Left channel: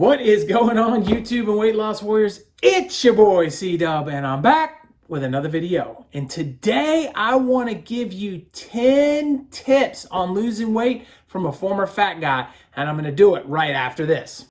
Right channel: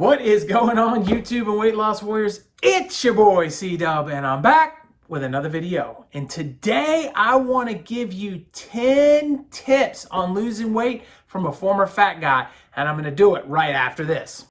What is going on, YouTube and weight loss warriors? It's your boy C-Dub, and I'm back with another video. And today I want to give you 10 tips on losing weight from a former fat guy, and I'm going to do it right after this.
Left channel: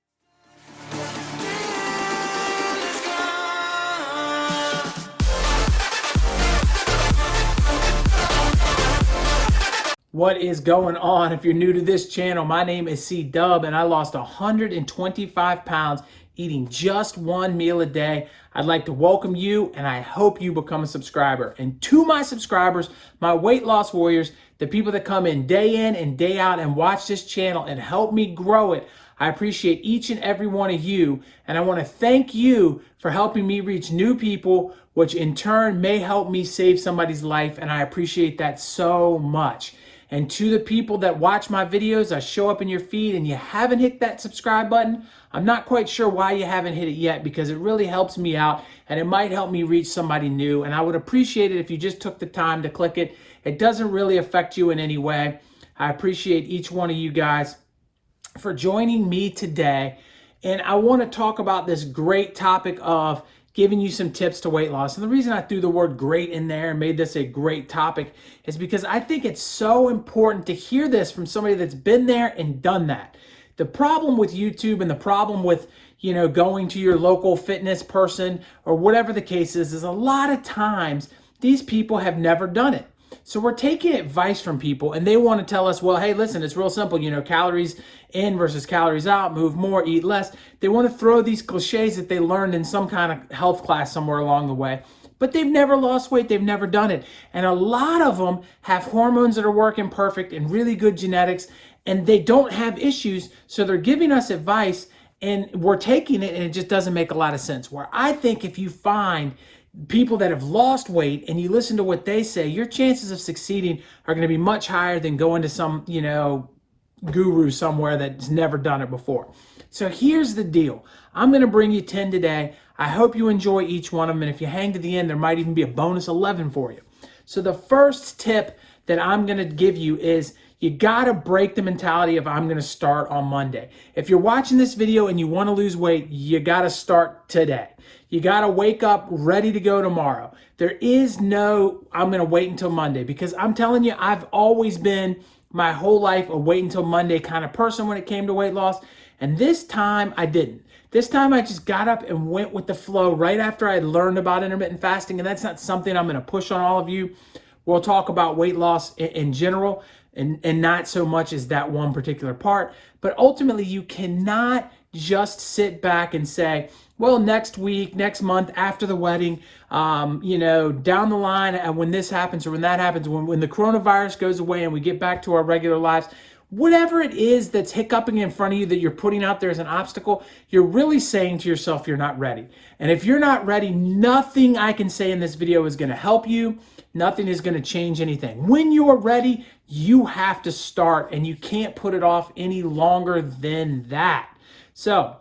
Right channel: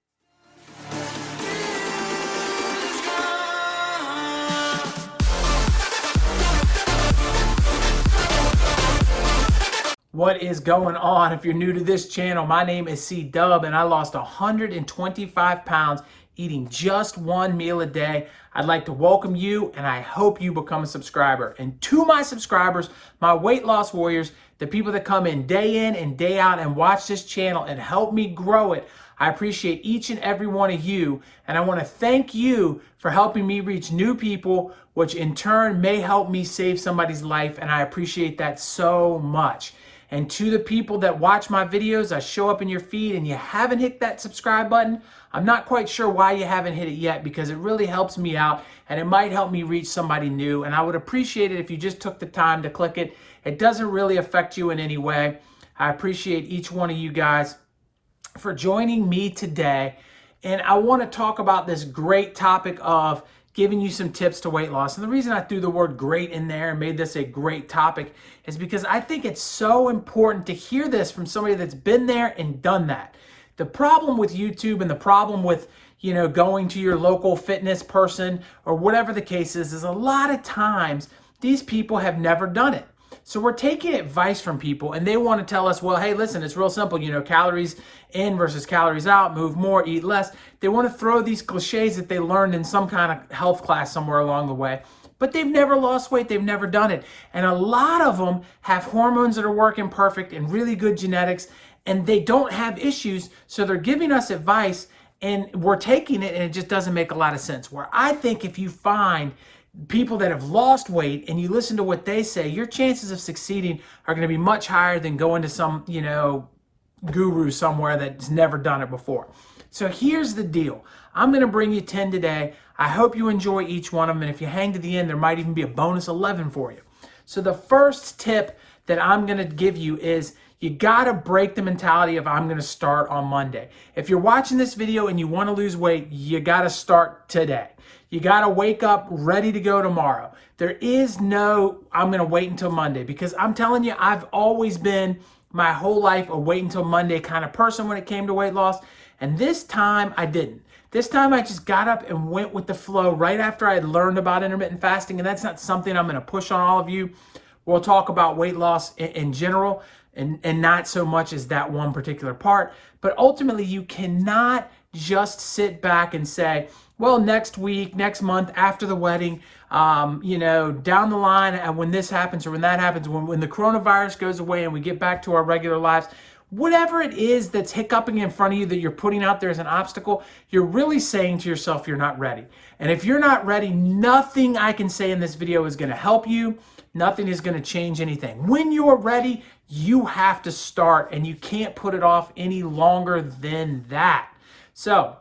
What is going on? If you're new to this channel, my name is C-Dub, and I lost 125 pounds eating just one meal a day. I'd like to welcome you, and I hope you become a subscriber. And to my subscribers, my weight loss warriors, the people that come in and day out and watch this channel and help me grow it, I appreciate each and every one of you, and I want to thank you for helping me reach new people, which in turn may help me save somebody's life, and I appreciate that so much. And to the people that watch my videos, I show up in your feed and you haven't hit that subscribe button, I'm not quite sure why you haven't hit it yet, because it really helps me out and it might help me reach somebody new. And I would appreciate it if you just took the time to click it. It doesn't really affect you in any way. I appreciate each one of you guys for joining me today. And I want to talk about this great topic of giving you some tips to weight loss. And the reason I threw the word great in there and made this a great topic is because I think it's so important to hear this from somebody that's been there and done that. The problem with YouTube and the problem with, going to your local fitness person or whatever the case is a lot of times these people have never done it. So we're taking advice from people and they want to tell us, well, hey, listen, it's real simple, calories in versus calories out, move more, eat less. They want to throw these cliches that they learned in some kind of health class somewhere along the way, but they've never lost weight. They've never done it. And a lot of them have hormones that are working perfect and really good genetics, and they don't have issues. So they're giving us advice and we're taking it and it just doesn't make a lot of sense. Where I think if you find people that have lost weight and you listen to what they say, your chances of succeeding are going to be much higher than going to some, guru somewhere that's never done it before. So here's the deal. I'm going to bring you 10 today. I hope you enjoy each one of them. And if you hang to the end, there might even be a bonus 11 for you. So the first tip that I'm going to give you is you got to break the mentality of I'm going to start on Monday. If you're watching this video and you want to lose weight, you got to start today. You got to wake up ready to go tomorrow. There is no, I'm going to wait until Monday, because I'm telling you, I've always been my whole life a wait until Monday kind of person when it came to weight loss. And this time I didn't. This time I just got up and went with the flow right after I had learned about intermittent fasting. And that's not something I'm going to push on all of you. We'll talk about weight loss in general and not so much as that one particular part. But ultimately, you cannot just sit back and say, well, next week, next month, after the wedding, down the line, when this happens or when that happens, when the coronavirus goes away and we get back to our regular lives, whatever it is that's hiccuping in front of you that you're putting out there as an obstacle, you're really saying to yourself you're not ready. And if you're not ready, nothing I can say in this video is going to help you. Nothing is going to change anything. When you're ready, you have to start, and you can't put it off any longer than that. So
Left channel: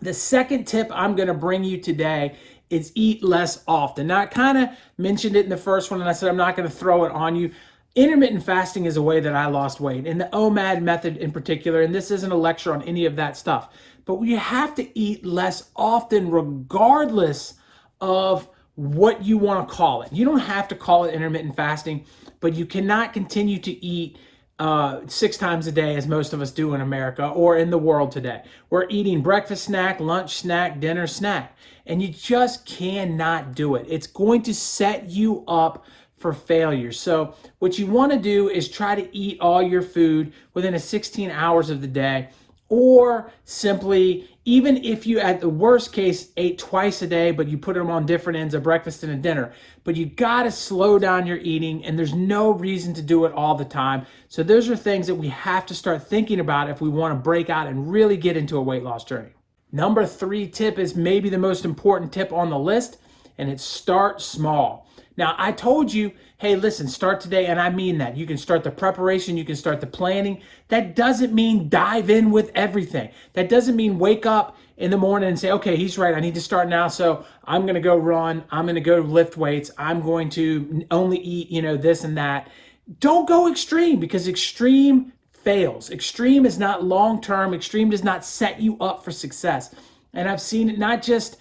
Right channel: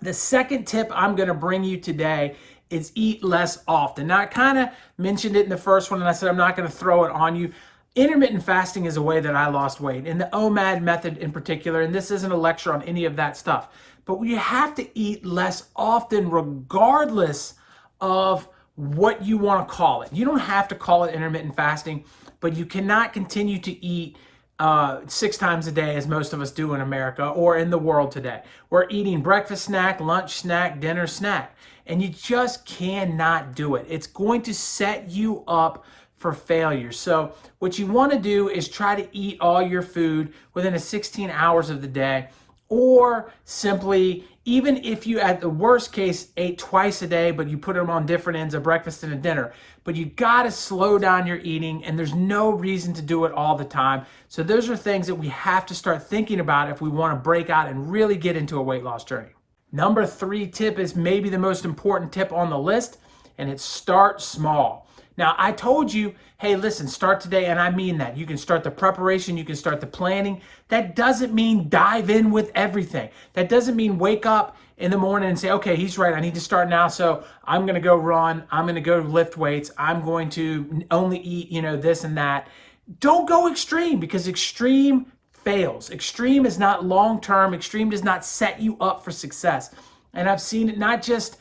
the second tip I'm going to bring you today is eat less often. Now, I kind of mentioned it in the first one, and I said I'm not going to throw it on you. Intermittent fasting is a way that I lost weight, and the OMAD method in particular, and this isn't a lecture on any of that stuff, but you have to eat less often regardless of what you want to call it. You don't have to call it intermittent fasting, but you cannot continue to eat 6 times a day as most of us do in America or in the world today. We're eating breakfast snack, lunch snack, dinner snack, and you just cannot do it. It's going to set you up for failure. So what you want to do is try to eat all your food within 16 hours of the day, or simply, even if you at the worst case ate twice a day, but you put them on different ends of breakfast and a dinner. But you got to slow down your eating, and there's no reason to do it all the time. So those are things that we have to start thinking about if we want to break out and really get into a weight loss journey. Number 3 tip is maybe the most important tip on the list, and it's start small. Now, I told you, hey, listen, start today, and I mean that. You can start the preparation, you can start the planning. That doesn't mean dive in with everything. That doesn't mean wake up in the morning and say, okay, he's right, I need to start now, so I'm going to go run, I'm going to go lift weights, I'm going to only eat, this and that. Don't go extreme, because extreme fails. Extreme is not long-term. Extreme does not set you up for success. And I've seen it not just,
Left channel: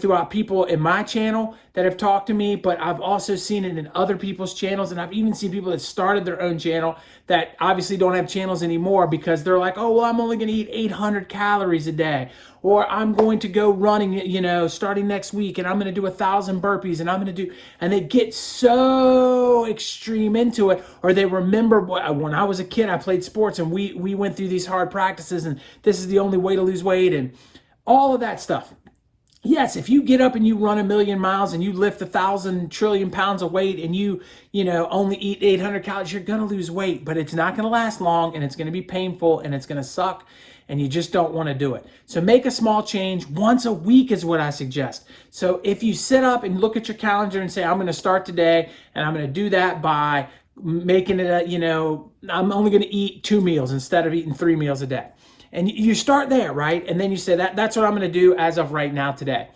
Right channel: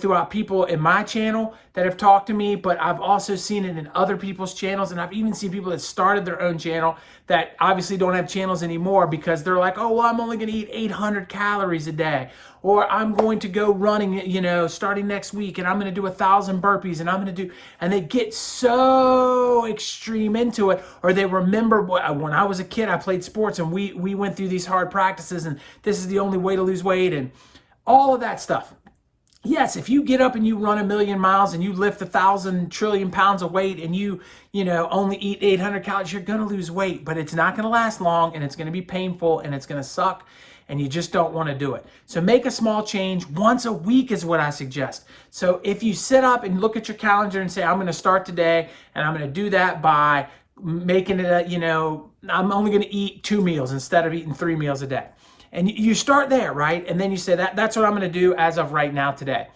throughout people in my channel that have talked to me, but I've also seen it in other people's channels. And I've even seen people that started their own channel that obviously don't have channels anymore because they're like, oh, well, I'm only going to eat 800 calories a day, or I'm going to go running, starting next week, and I'm going to do 1,000 burpees, and I'm going to do, and they get so extreme into it. Or they remember when I was a kid, I played sports and we went through these hard practices, and this is the only way to lose weight, and all of that stuff. Yes, if you get up and you run 1,000,000 miles and you lift 1,000 trillion pounds of weight and you only eat 800 calories, you're going to lose weight, but it's not going to last long, and it's going to be painful, and it's going to suck, and you just don't want to do it. So make a small change. Once a week is what I suggest. So if you sit up and look at your calendar and say, I'm going to start today, and I'm going to do that by making it I'm only going to eat 2 meals instead of eating 3 meals a day. And you start there, right? And then you say that's what I'm going to do as of right now today.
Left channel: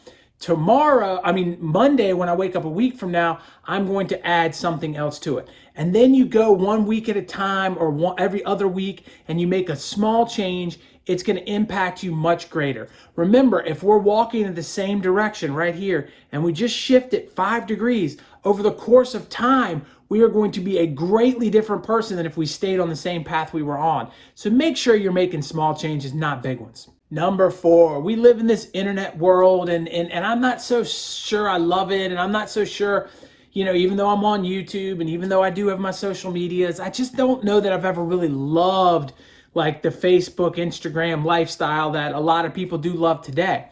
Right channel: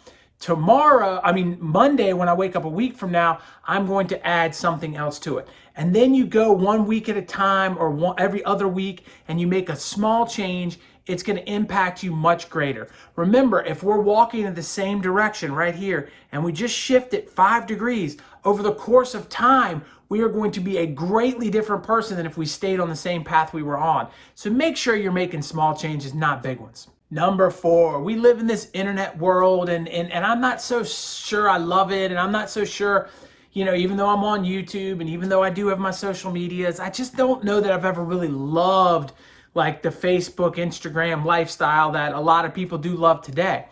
Monday, when I wake up a week from now, I'm going to add something else to it. And then you go 1 week at a time, or every other week, and you make a small change. It's going to impact you much greater. Remember, if we're walking in the same direction right here, and we just shift it 5 degrees over the course of time, we are going to be a greatly different person than if we stayed on the same path we were on. So make sure you're making small changes, not big ones. Number 4, we live in this internet world, and I'm not so sure I love it, and I'm not so sure, even though I'm on YouTube, and even though I do have my social medias, I just don't know that I've ever really loved like the Facebook, Instagram lifestyle that a lot of people do love today.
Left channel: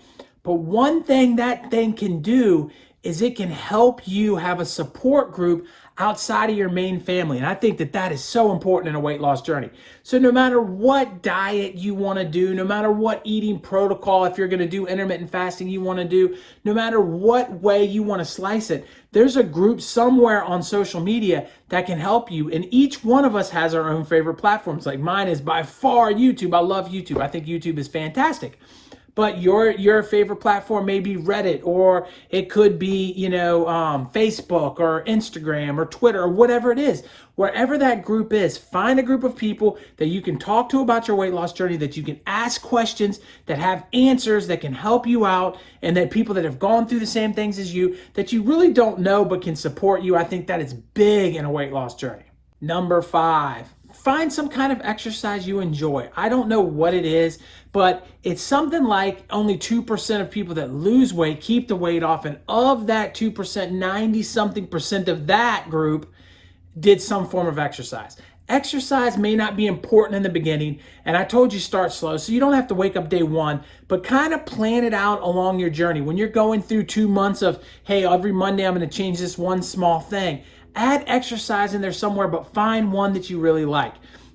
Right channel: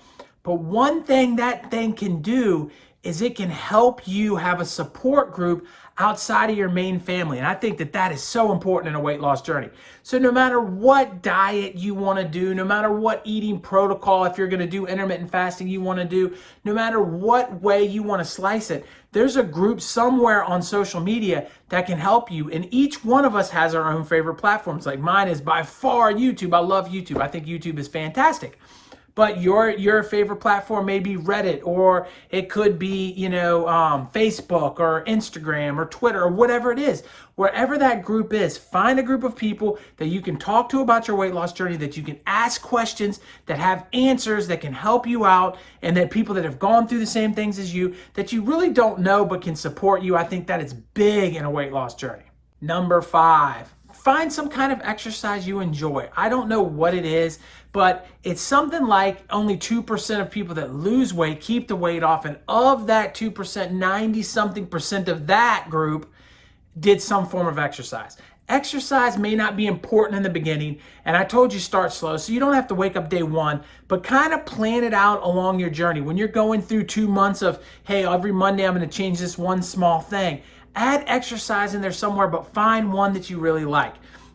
But one thing that thing can do is it can help you have a support group outside of your main family. And I think that is so important in a weight loss journey. So no matter what diet you want to do, no matter what eating protocol, if you're going to do intermittent fasting you want to do, no matter what way you want to slice it, there's a group somewhere on social media that can help you. And each one of us has our own favorite platforms. Like mine is by far YouTube. I love YouTube. I think YouTube is fantastic. But your favorite platform may be Reddit, or it could be, Facebook or Instagram or Twitter or whatever it is. Wherever that group is, find a group of people that you can talk to about your weight loss journey, that you can ask questions, that have answers, that can help you out, and that people that have gone through the same things as you, that you really don't know but can support you. I think that is big in a weight loss journey. Number 5. Find some kind of exercise you enjoy. I don't know what it is, but it's something like only 2% of people that lose weight keep the weight off. And of that 2%, 90-something% of that group did some form of exercise. Exercise may not be important in the beginning, and I told you start slow, so you don't have to wake up day 1, but kind of plan it out along your journey. When you're going through 2 months of, hey, every Monday I'm going to change this one small thing, add exercise in there somewhere, but find one that you really like.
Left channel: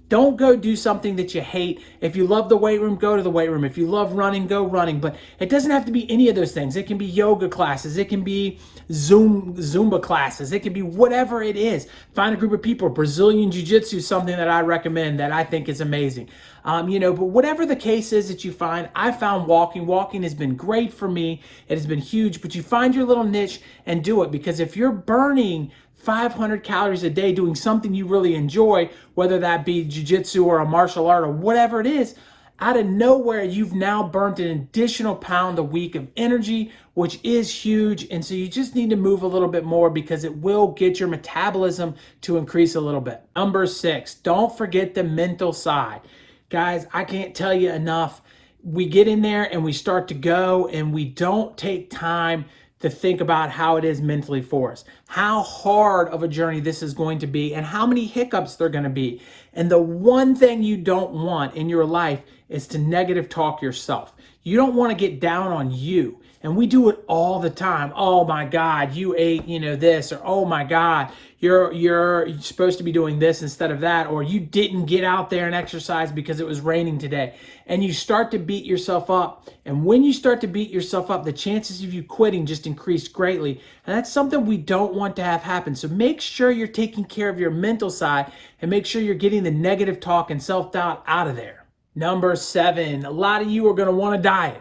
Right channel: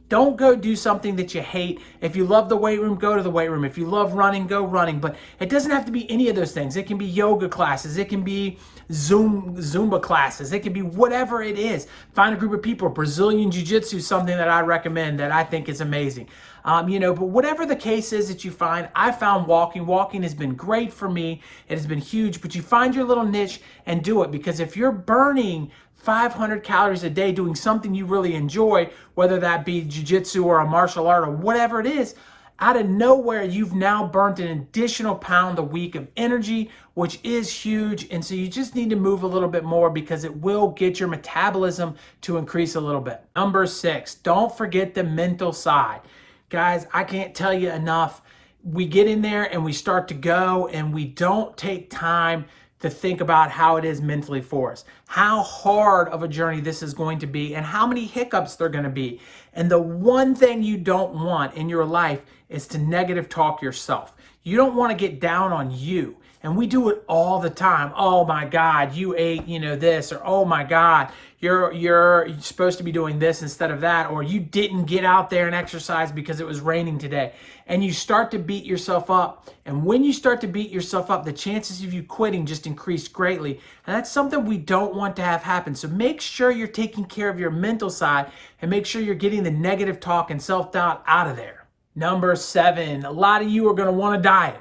Don't go do something that you hate. If you love the weight room, go to the weight room. If you love running, go running. But it doesn't have to be any of those things. It can be yoga classes. It can be Zumba classes. It can be whatever it is. Find a group of people. Brazilian Jiu-Jitsu is something that I recommend that I think is amazing. But whatever the case is that you find, I found walking. Walking has been great for me. It has been huge. But you find your little niche and do it. Because if you're burning 500 calories a day doing something you really enjoy, whether that be jiu-jitsu or a martial art or whatever it is, out of nowhere, you've now burnt an additional pound a week of energy, which is huge. And so you just need to move a little bit more because it will get your metabolism to increase a little bit. Number 6, don't forget the mental side. Guys, I can't tell you enough. We get in there and we start to go and we don't take time to think about how it is mentally for us, how hard of a journey this is going to be, and how many hiccups they're going to be. And the one thing you don't want in your life is to negative talk yourself. You don't want to get down on you. And we do it all the time. Oh my God, you ate, this, or oh my God, you're supposed to be doing this instead of that, or you didn't get out there and exercise because it was raining today. And you start to beat yourself up. And when you start to beat yourself up, the chances of you quitting just increase greatly. And that's something we don't want to have happen. So make sure you're taking care of your mental side and make sure you're getting the negative talk and self-doubt out of there. Number 7, a lot of you are going to want to diet.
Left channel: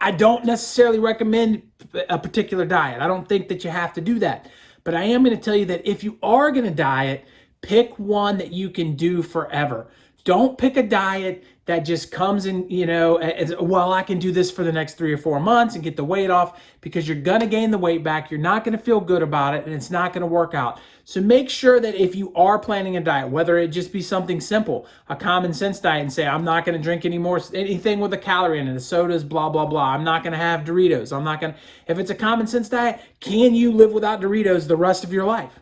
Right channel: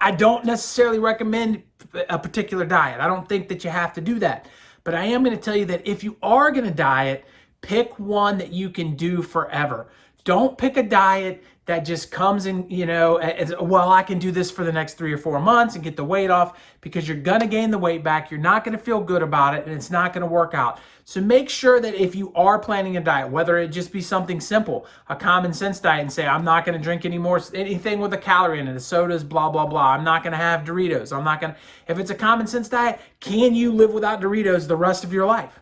I don't necessarily recommend a particular diet. I don't think that you have to do that. But I am going to tell you that if you are going to diet, pick one that you can do forever. Don't pick a diet that just comes in, as, well, I can do this for the next 3 or 4 months and get the weight off, because you're going to gain the weight back. You're not going to feel good about it, and it's not going to work out. So make sure that if you are planning a diet, whether it just be something simple, a common sense diet, and say, I'm not going to drink anything with a calorie in it, the sodas, blah, blah, blah. I'm not going to have Doritos. If it's a common sense diet, can you live without Doritos the rest of your life?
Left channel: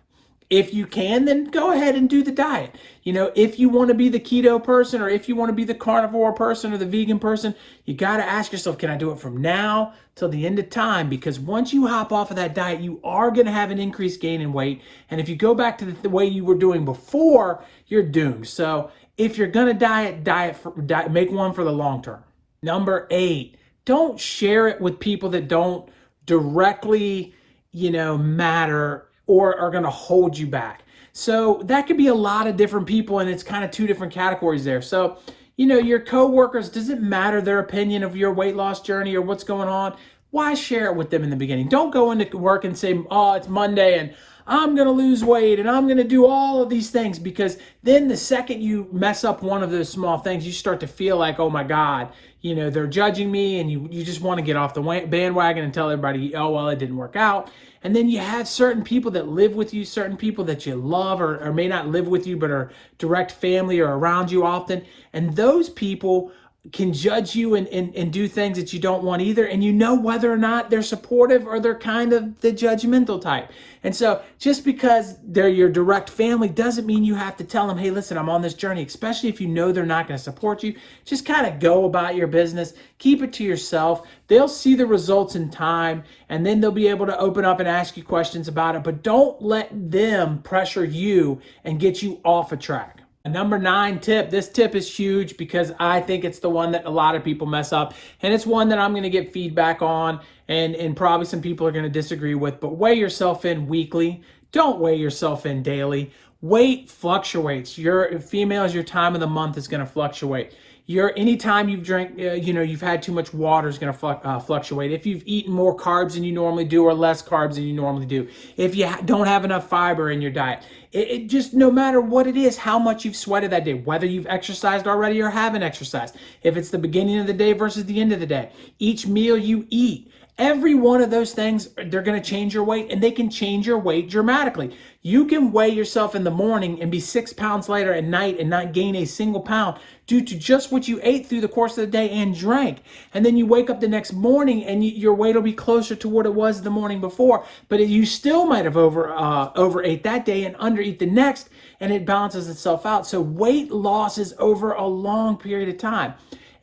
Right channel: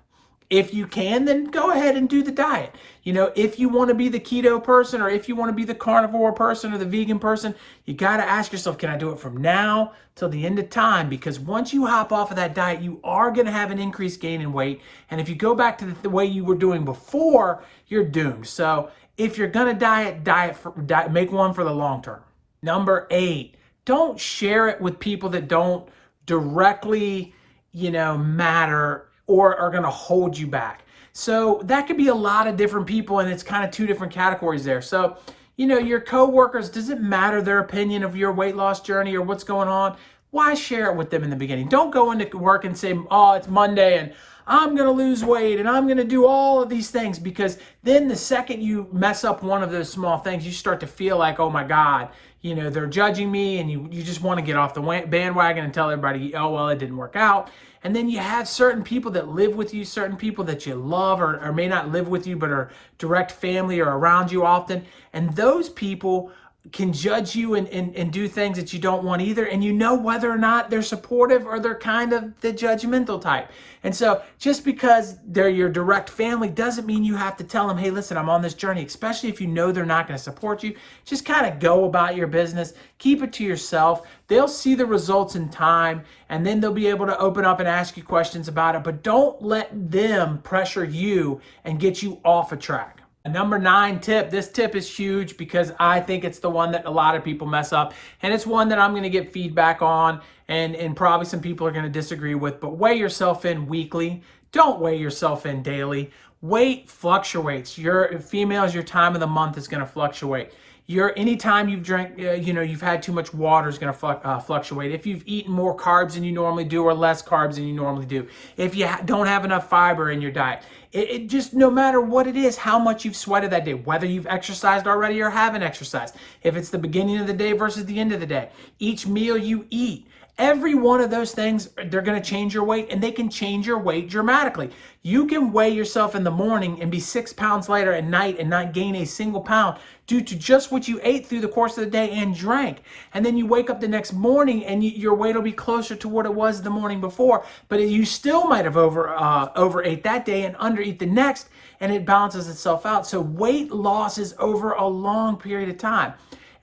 If you can, then go ahead and do the diet. If you want to be the keto person, or if you want to be the carnivore person or the vegan person, you got to ask yourself, can I do it from now till the end of time? Because once you hop off of that diet, you are going to have an increased gain in weight. And if you go back to the way you were doing before, you're doomed. So if you're going to make one for the long term. Number 8, don't share it with people that don't directly, matter or are going to hold you back. So that could be a lot of different people, and it's kind of 2 different categories there. So, your coworkers, does it matter their opinion of your weight loss journey or what's going on? Why share it with them in the beginning? Don't go into work and say, oh, it's Monday and I'm going to lose weight and I'm going to do all of these things, because then the second you mess up one of those small things, you start to feel like, oh my God, they're judging me, and you just want to get off the bandwagon and tell everybody, oh, well, it didn't work out. And then you have certain people that live with you, certain people that you love or may not live with you, but are direct family or around you often. And those people can judge you and do things that you don't want either. And whether or not they're supportive or they're kind of the judgmental type. And so just because they're your direct family doesn't mean you have to tell them, hey, listen, I'm on this journey, especially if they're not going to support you. Just kind of go about your business. Keep it to yourself. They'll see the results in time, and then they'll be able to open up and ask you questions about it. But don't let them pressure you and get you off a track. Number 9 tip. This tip is huge because I think it's the one that a lot of people mess up, and it's one that I'm going to get feedback on, and probably some people are going to disagree with, but weigh yourself in weekly. Don't weigh yourself in daily. Weight fluctuates. Your females, your time of the month is going to fluctuate. Anytime you've drank, you've had too much water is going to fluctuate. If you've eaten more carbs than you normally do or less carbs than you normally do. If you don't have enough fiber in your diet. It just, no matter what it is, how much you've sweated that day, whether you've exercised already or haven't exercised, if it's the beginning of the day versus the end of the day, each meal you eat, every one of those things, they're going to change your weight, and they can change your weight dramatically. You can weigh yourself in the morning and be 6 pounds lighter at night and not gain a single pound due to just what you ate through the course of the day and drank. And then you wake up the next morning and your weight will be closer to what it was the morning before, but you still might have overate that day and undereat the next, and it balances itself out. So weight loss is over a long period of time.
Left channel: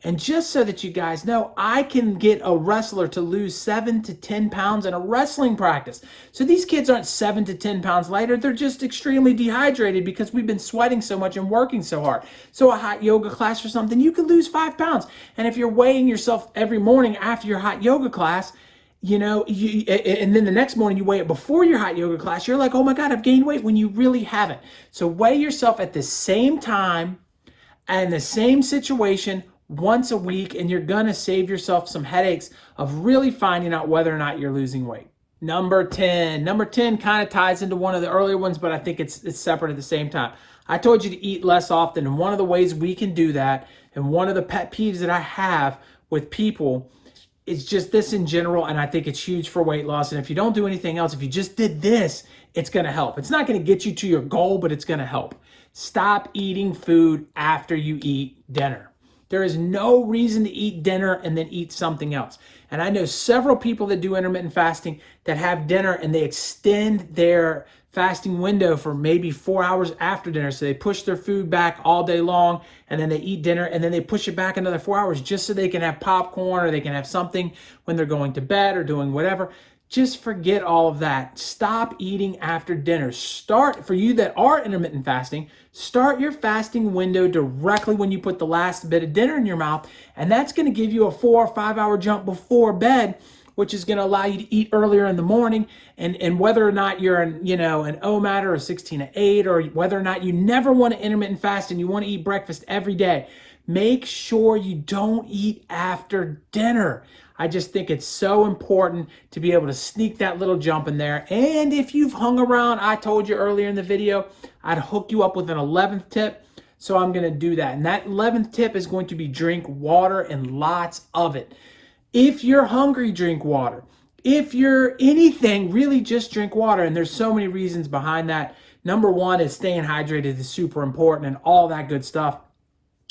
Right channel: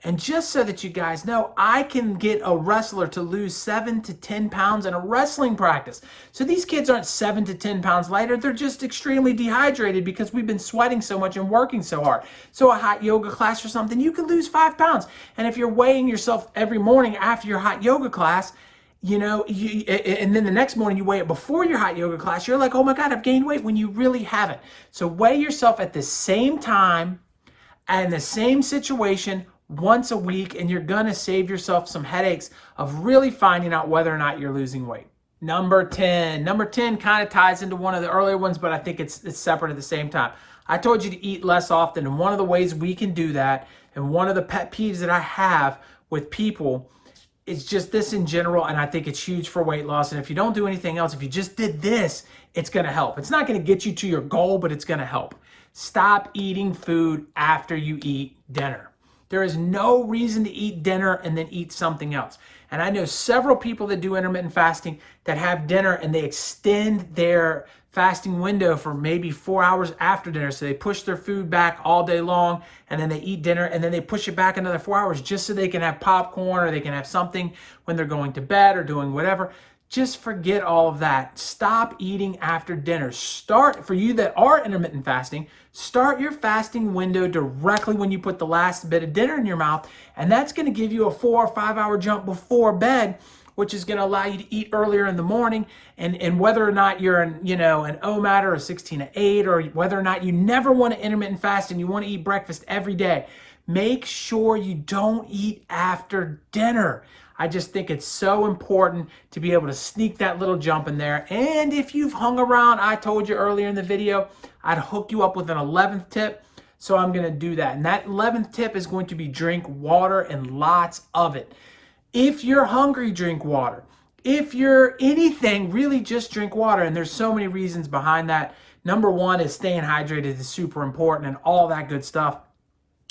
And just so that you guys know, I can get a wrestler to lose 7 to 10 pounds in a wrestling practice. So these kids aren't 7 to 10 pounds lighter. They're just extremely dehydrated because we've been sweating so much and working so hard. So a hot yoga class or something, you could lose 5 pounds. And if you're weighing yourself every morning after your hot yoga class, and then the next morning you weigh it before your hot yoga class, you're like, oh my God, I've gained weight, when you really haven't. So weigh yourself at the same time and the same situation once a week, and you're gonna save yourself some headaches of really finding out whether or not you're losing weight. Number 10 kind of ties into one of the earlier ones, but I think it's separate at the same time. I told you to eat less often, and one of the ways we can do that, and one of the pet peeves that I have with people, is just this in general, and I think it's huge for weight loss. And if you don't do anything else, if you just did this, it's gonna help. It's not gonna get you to your goal, but it's gonna help. Stop eating food after you eat dinner. There is no reason to eat dinner and then eat something else. And I know several people that do intermittent fasting that have dinner and they extend their fasting window for maybe 4 hours after dinner. So they push their food back all day long, and then they eat dinner, and then they push it back another 4 hours just so they can have popcorn or they can have something when they're going to bed or doing whatever. Just forget all of that. Stop eating after dinner. For you that are intermittent fasting, start your fasting window directly when you put the last bit of dinner in your mouth. And that's going to give you a 4 or 5 hour jump before bed, which is going to allow you to eat earlier in the morning. And whether or not you're an OMAD or a 16-8, or whether or not you never want to intermittent fast and you want to eat breakfast every day, make sure you don't eat after dinner. I just think it's so important to be able to sneak that little jump in there. And if you've hung around, I told you earlier in the video, I'd hook you up with an 11th tip. So I'm going to do that. And that 11th tip is going to be drink water and lots of it. If you're hungry, drink water. If you're anything, really just drink water. And there's so many reasons behind that. Number one is staying hydrated is super important and all that good stuff.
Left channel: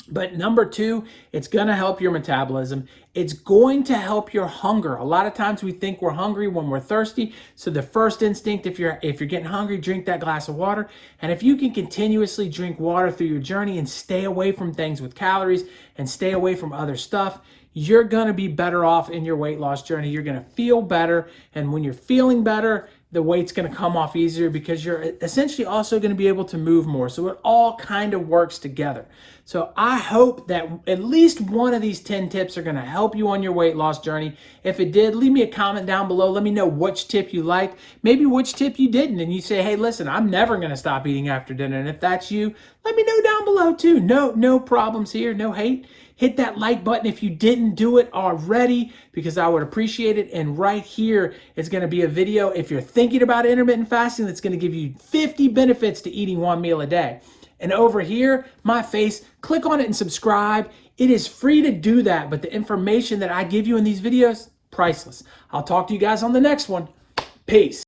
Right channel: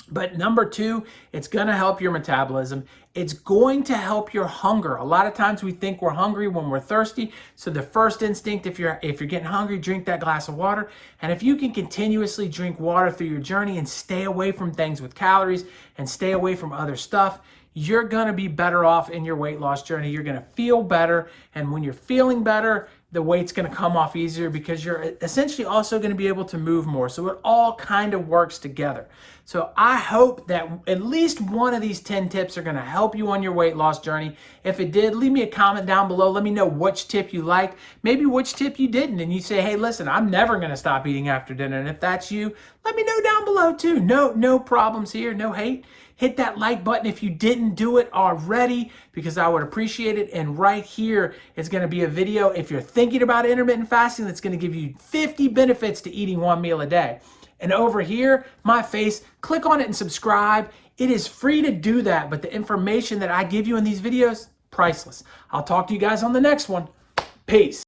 But number two, it's going to help your metabolism. It's going to help your hunger. A lot of times we think we're hungry when we're thirsty. So the first instinct, if you're getting hungry, drink that glass of water. And if you can continuously drink water through your journey and stay away from things with calories and stay away from other stuff, you're going to be better off in your weight loss journey. You're going to feel better. And when you're feeling better, the weight's going to come off easier because you're essentially also going to be able to move more. So it all kind of works together. So I hope that at least one of these 10 tips are going to help you on your weight loss journey. If it did, leave me a comment down below. Let me know which tip you liked, maybe which tip you didn't. And you say, hey, listen, I'm never going to stop eating after dinner. And if that's you, let me know down below too. No problems here, no hate. Hit that like button if you didn't do it already, because I would appreciate it. And right here is going to be a video if you're thinking about intermittent fasting that's going to give you 50 benefits to eating one meal a day. And over here, my face, click on it and subscribe. It is free to do that, but the information that I give you in these videos, priceless. I'll talk to you guys on the next one. Peace.